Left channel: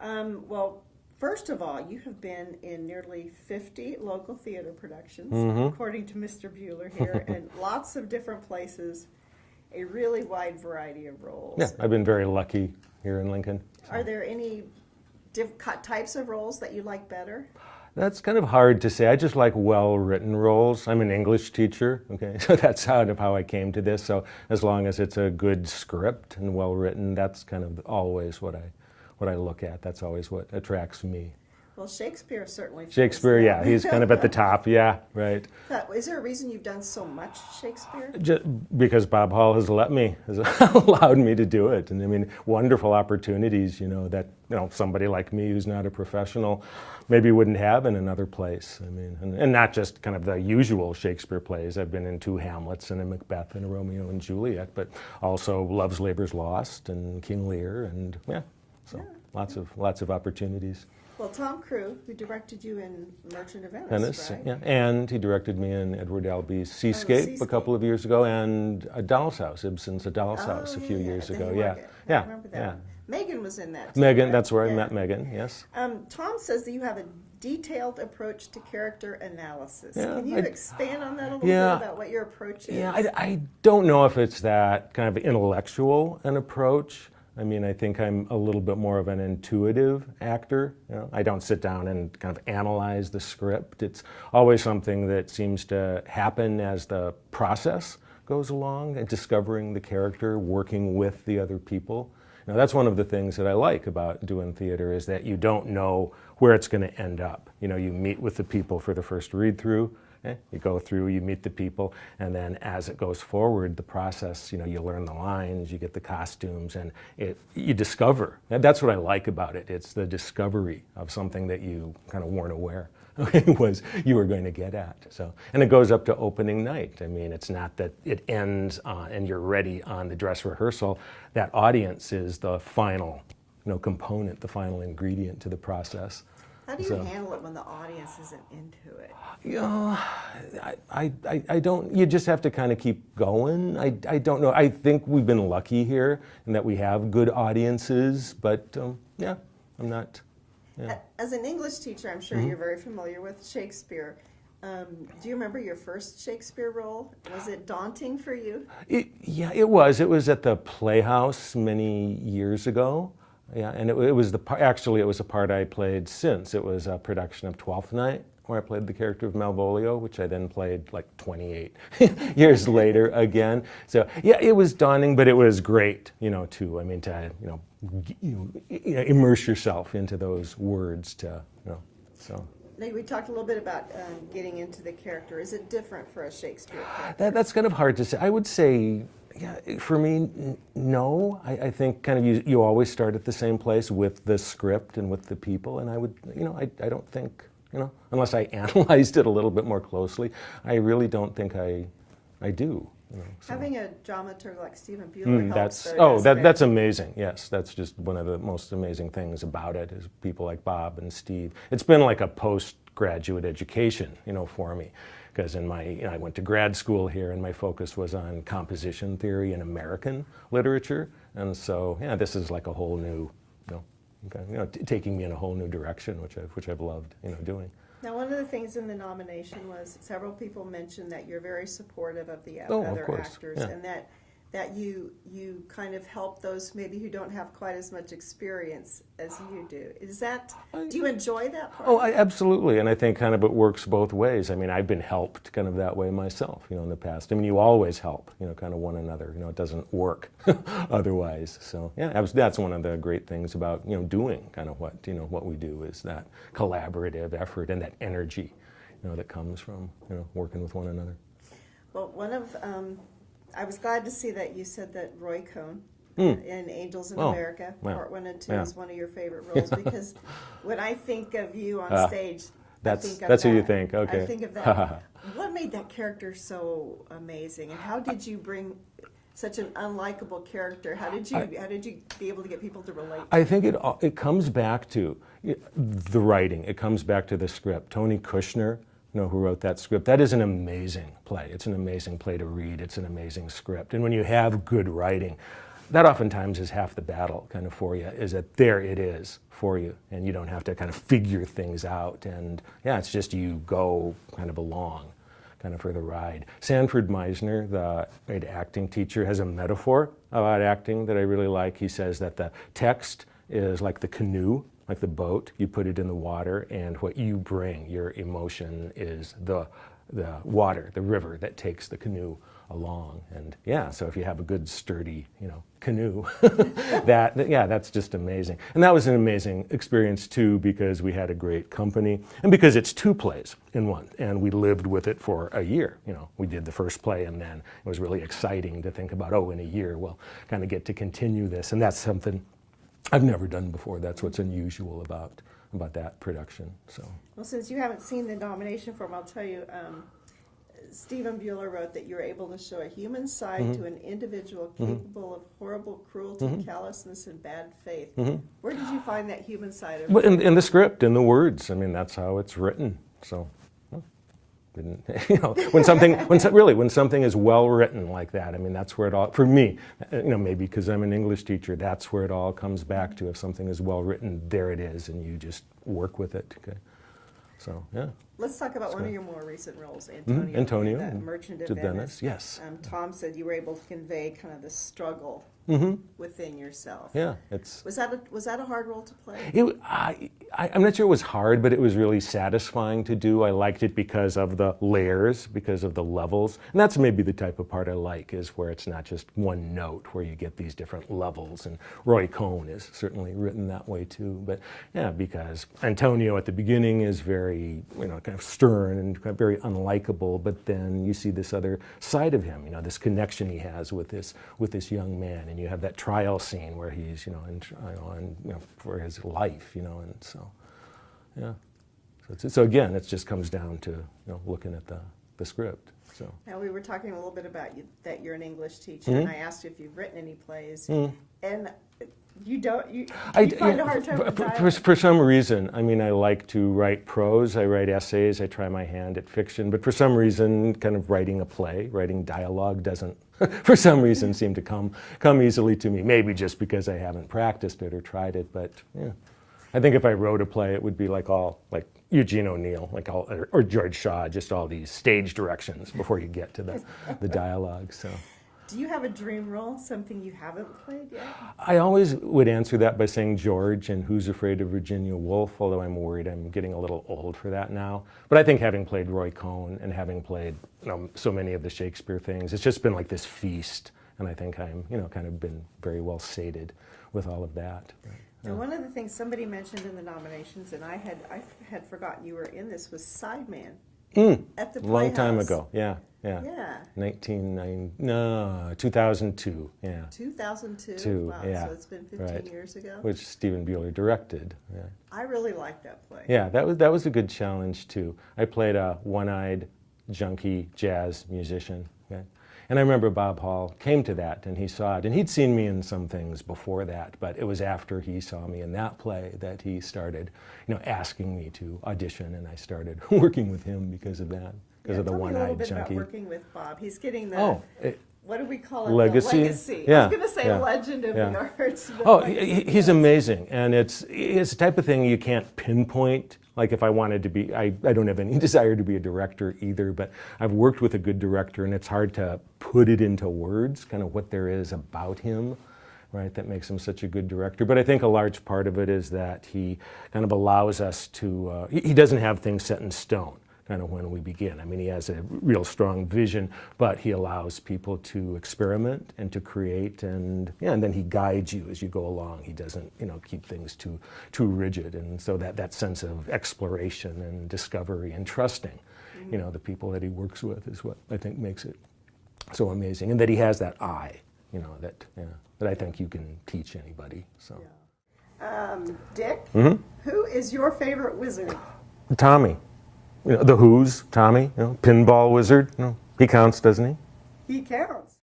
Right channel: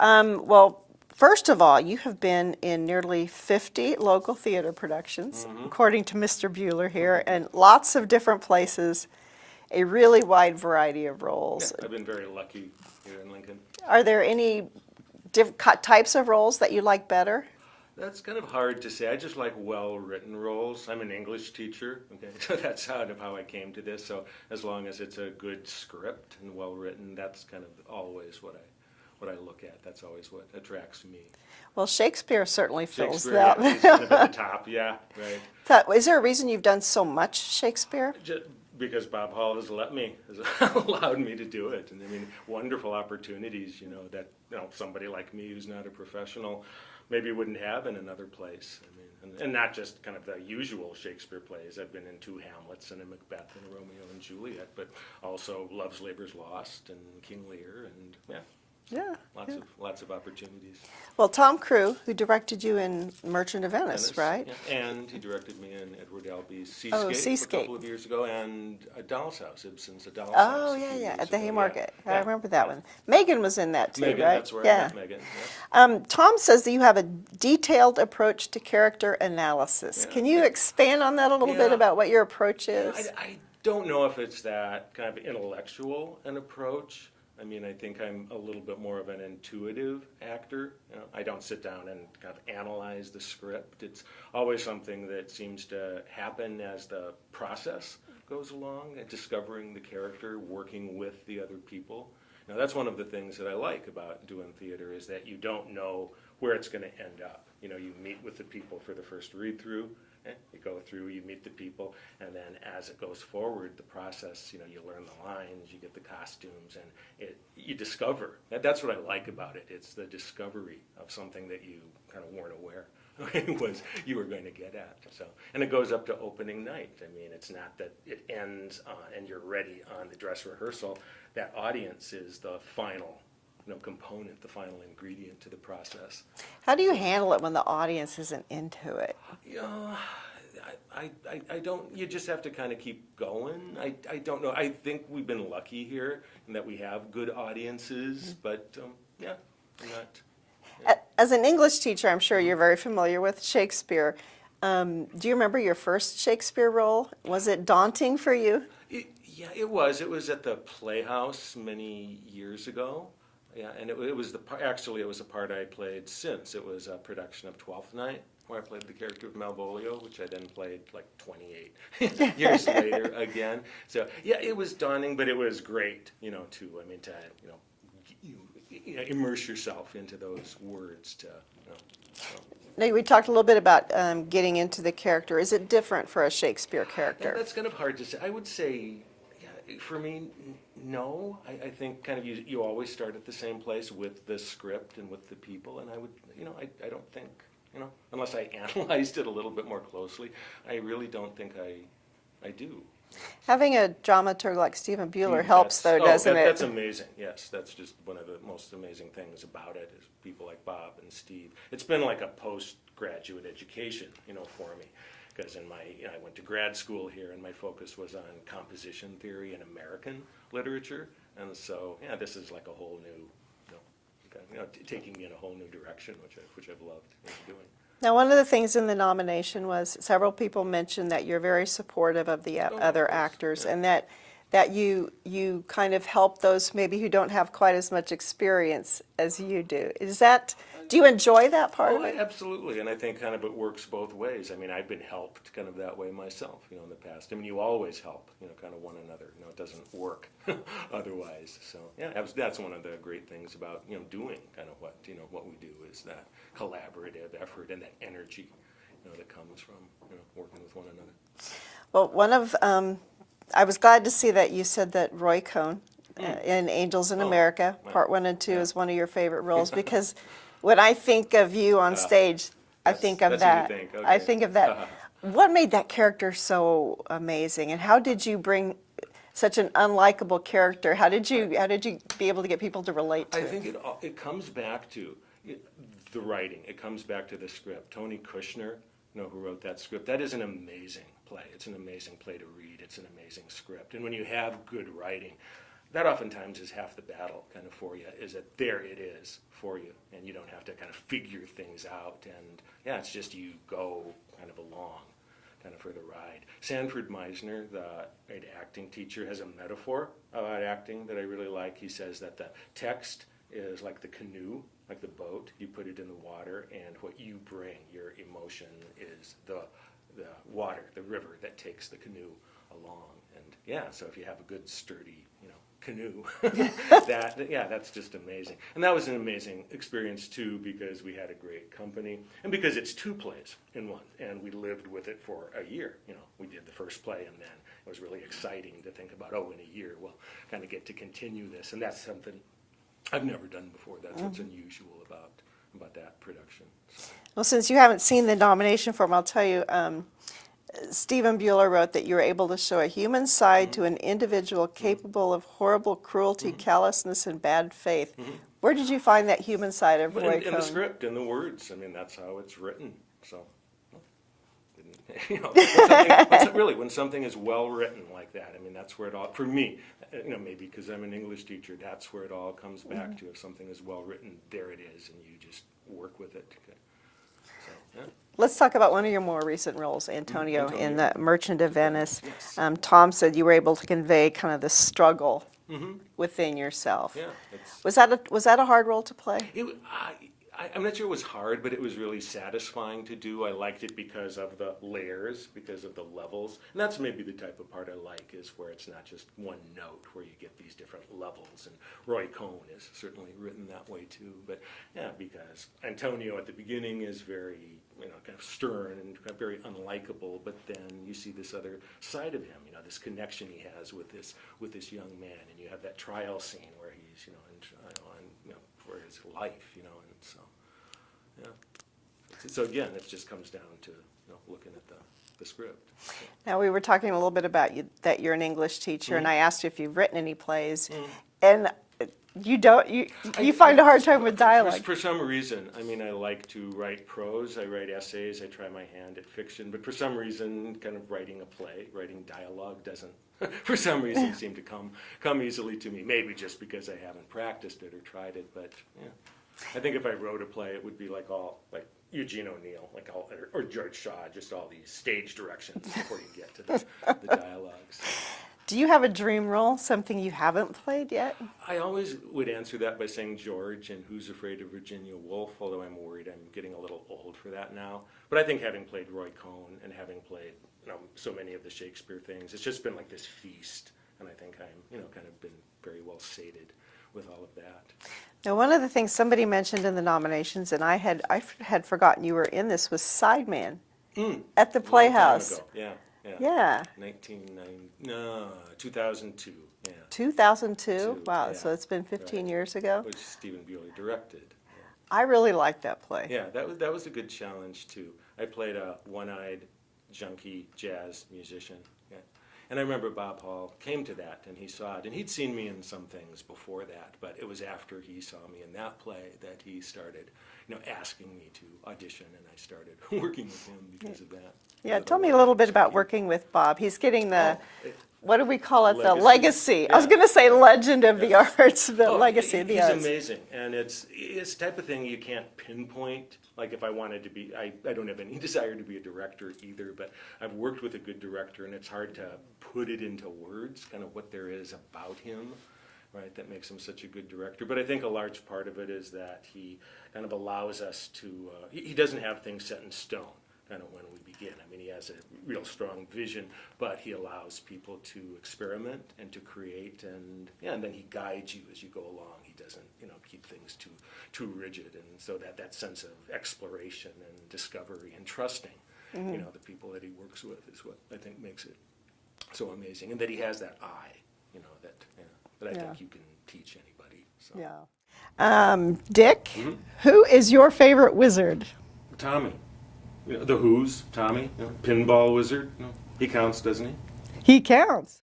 Well, first of all, you have been in nearly 50 local theater productions, according to Mr. Bueller here, and lots of different places, a really wide variety of roles. Yeah, I've been very lucky here in Lincoln. Are there any types of roles that you like better? That's kind of hard to say. I just like well-written roles. I'm an English teacher, okay, so that's kind of how I came to this. So as long as it's a good script and well-written, that's kind of always what I look at. That's always what attracts me. Well, Shakespeare certainly fills Shakespeare, that. yeah, he's kind of at the top, yeah, right. Is there a reason you've done so much Shakespeare? Just because Bob Hall has allowed me to do it. And I mean, wonderful opportunities, that, somebody like me who's not a professional maybe wouldn't have in another place. I mean, and not just kind of the usual Shakespeare plays. I've been in 2 Hamlets and a Macbeth and a Romeo and Juliet, but also Love's Labour's Lost and King Lear, and lots of opportunities. Well, Tom Crew, who directed you in Merchant of Venice, right? Yeah. And he directed me in Edward Albee's Seascape a couple of years ago, and A Doll's House, Ibsen's A Doll's House a few years ago. At the Haymarket. Yeah. I remember that one. Megan was in that too, Megan, right? that's where I met Megan, yes. Tom says that you have a detailed approach to character analysis. Yeah, Can you expand on that a little bit about what your approach is? Yeah, I don't know if it's that kind of intellectual an approach. I mean, I think I'm a little bit more of an intuitive actor. I don't sit down and kind of analyze the script. It's always something that seems to happen as the process goes along, and discovering the character, working with the other people. That's one of the things that I like about doing theater, is that you don't know where it's going to end up. You meet with the people for the first read-through. You go through, you meet the people, and then as it goes forward, the process, you learn the lines, you get the costumes, and you discover. That's what I like about it. It's the discovery of something that you kind of weren't aware was you were going to get at. So, and it goes up to opening night. I mean, it's not that it ends and you're ready on the dress rehearsal. That audience is the final component, the final ingredient to the process. How do you handle it when the audience isn't into it? I don't, you just have to kind of keep going. I don't know. I think we've been lucky here in that we have good audiences, but I'm not. Yeah. As an English teacher, I'm sure you're very familiar with Shakespeare. Do you remember your first Shakespeare role? Was it daunting for you? Yeah, it was. It was at the Playhouse many years ago. Yeah, and it was actually it was a part I played since. It was a production of Twelfth Night, where I played the character of Malvolio, which I then played like 28 years later again. So yeah, it was daunting, but it was great, too. I mean, to immerse yourself into those words. So. Now, we talked a little bit about getting into the character. Is it different for a Shakespeare character? That's kind of hard to say. I would say. Yeah, for me, no. I think kind of you always start at the same place with the script and with the people, and I would, I don't think, unless I analyzed it a little bit more closely, I really don't think I do. So. Having a dramaturg like Stephen Bueller helps, though, doesn't it? That's amazing. Yes, that's just one of the most amazing things about it, is people like Bob and Steve. It's been like a postgraduate education, for me. Because I went to grad school here, and my focus was on composition theory and American literature, and so this is like a whole new, taking me in a whole new direction, which I've loved doing. Now, one of the things in the nomination was several people mentioned that you're very supportive of the other actors, and that you kind of help those maybe who don't have quite as much experience as you do. Do you enjoy that part? Oh, absolutely, and I think kind of it works both ways. I mean, I've been helped kind of that way myself, in the past. I mean, you always help, kind of one another. It doesn't work otherwise. So yeah, that's one of the great things about doing kind of what we do, is that collaborative effort and that energy, that comes from working with one another. Well, I was glad to see that you said that Roy Cohn in Angels in America, Part 1 and 2, is one of your favorite roles, because when I think of you on stage, I think of that. That's what you think, okay. I think of that. What made that character so amazing, and how did you bring such an unlikable character? How did you be able to get people to relate to I think it comes back to the writing. It comes back to the script. Tony Kushner, who wrote that script. That is an amazing play. It's an amazing play to read. It's an amazing script. And when you have good writing, that oftentimes is half the battle kind of for you, is that there it is for you, and you don't have to kind of figure things out, and yeah, it's just you go kind of along kind of for the ride. Sanford Meisner, the great acting teacher, has a metaphor about acting that I really like. He says that the text is like the canoe, like the boat. You put it in the water, and what you bring, your emotion, is the water, the river that takes the canoe along. And yeah, so if you have a good sturdy, canoe, that's just amazing. And that was an amazing experience too, because we had a great company, and because it's 2 plays in one, and we lived with it for a year. We did the first play, and then it was really exciting to think about, in a year we'll kind of get to continue this, and that's something I've never done before. That's what's unusual about that production. So. Well, since you haven't seen the nomination form, I'll tell you, Stephen Bueller wrote that you're able to show a human side to an individual capable of horrible cruelty, callousness, and bad faith. Where did you find that human side of in the script, in the words. I mean, that's how it's written. So, when something is well written like that, I mean, that's where it all, for me, maybe because I'm an English teacher, that's where it all comes back to. If something is well written, there it is, and you just work with it. Okay. So, yeah. Let's talk about one of your more recent roles, Antonio, in The Merchant of Venice. Yes. Tom said you were able to convey kind of the struggle within yourself. Yeah. Was that a hard role to play? I'm not sure it was hard, but it was really satisfying to do. I liked it because of the layers, because of the levels. And that's maybe the type of part I like, is where it's not just one note, where you get these different levels. And Roy Cohn is certainly written that way too. But yeah, because Antonio at the beginning is very, kind of stern and kind of very unlikable, but then you see this other side of him, this connection he has with this young man. And you have that trial scene where he's, for his life, and so. Yeah. So again, it just comes down to looking at the script. So. Now we were talking a little bit about that you're an English teacher, and I asked you if you've written any plays, and you don't. You find a hard time with dialogue. For some reason, I mean, I like to write prose. I write essays. I try my hand at fiction, but for some reason, kind of writing a play, writing dialogue doesn't. For some reason, seem to come easily to me. Maybe just because I haven't practiced it or tried it, but yeah. I think if I wrote a play, it would be like Eugene O'Neill, or George Shaw, just all these stage directions before you get to the dialogue. So. Do you have a dream role, something you haven't played yet? I always would answer that by saying George in Who's Afraid of Virginia Woolf, although I'm worried I'm getting a little old for that now. But I think having played Roy Cohn and having played so many of the Shakespeare things, it's just been like this feast, and I think I'm kind of been very well sated with all of that. Now, one of the things somebody mentioned in the nominations, and I had forgotten you were in this, was Sideman at the Playhouse. Long time ago, yeah. Yeah. 2002, yeah. 2002? Wow, yeah. So it's been 15 years ago? Which Stephen Bueller directed. Yeah. I really liked that play. Yeah, that was a good challenge too. I played a one-eyed junkie jazz musician. Okay? And I remember Bob Hall came to that and he saw it, and he'd seen me in some things before that, but it was after he saw me in that play that he started, asking me to audition, and I started working with him because of that. Yeah, tell me a little bit about working with Bob. He's getting the, what do we call it? Legacy? The legacy. Yeah. I was going to say legend of the arts, the legacy of the he's arts. amazing, and it's the type of thing you can't pinpoint. Like if I wanted to be, I don't have any desire to be a director either, but I've worked with a good director, and it's hard to put it into words, kind of what there is about him, right, that makes him such a good director. But I think a large part of it is that he kind of allows us to, he doesn't have things set in stone, kind of when we begin. I mean, he has a real strong vision, but he allows people to experiment and to create, and then he guides you as you go along. He doesn't, keep things too rigid, and so that sense of exploration and discovery and trusting, the people that he works with is what I think makes it so amazing, and that he has that eye, that I think you can teach anybody. So. Yeah. Dick, who is your favorite wizard? Tommy. The Who's, Tommy, pinball wizard. He counts, doesn't he? He counts.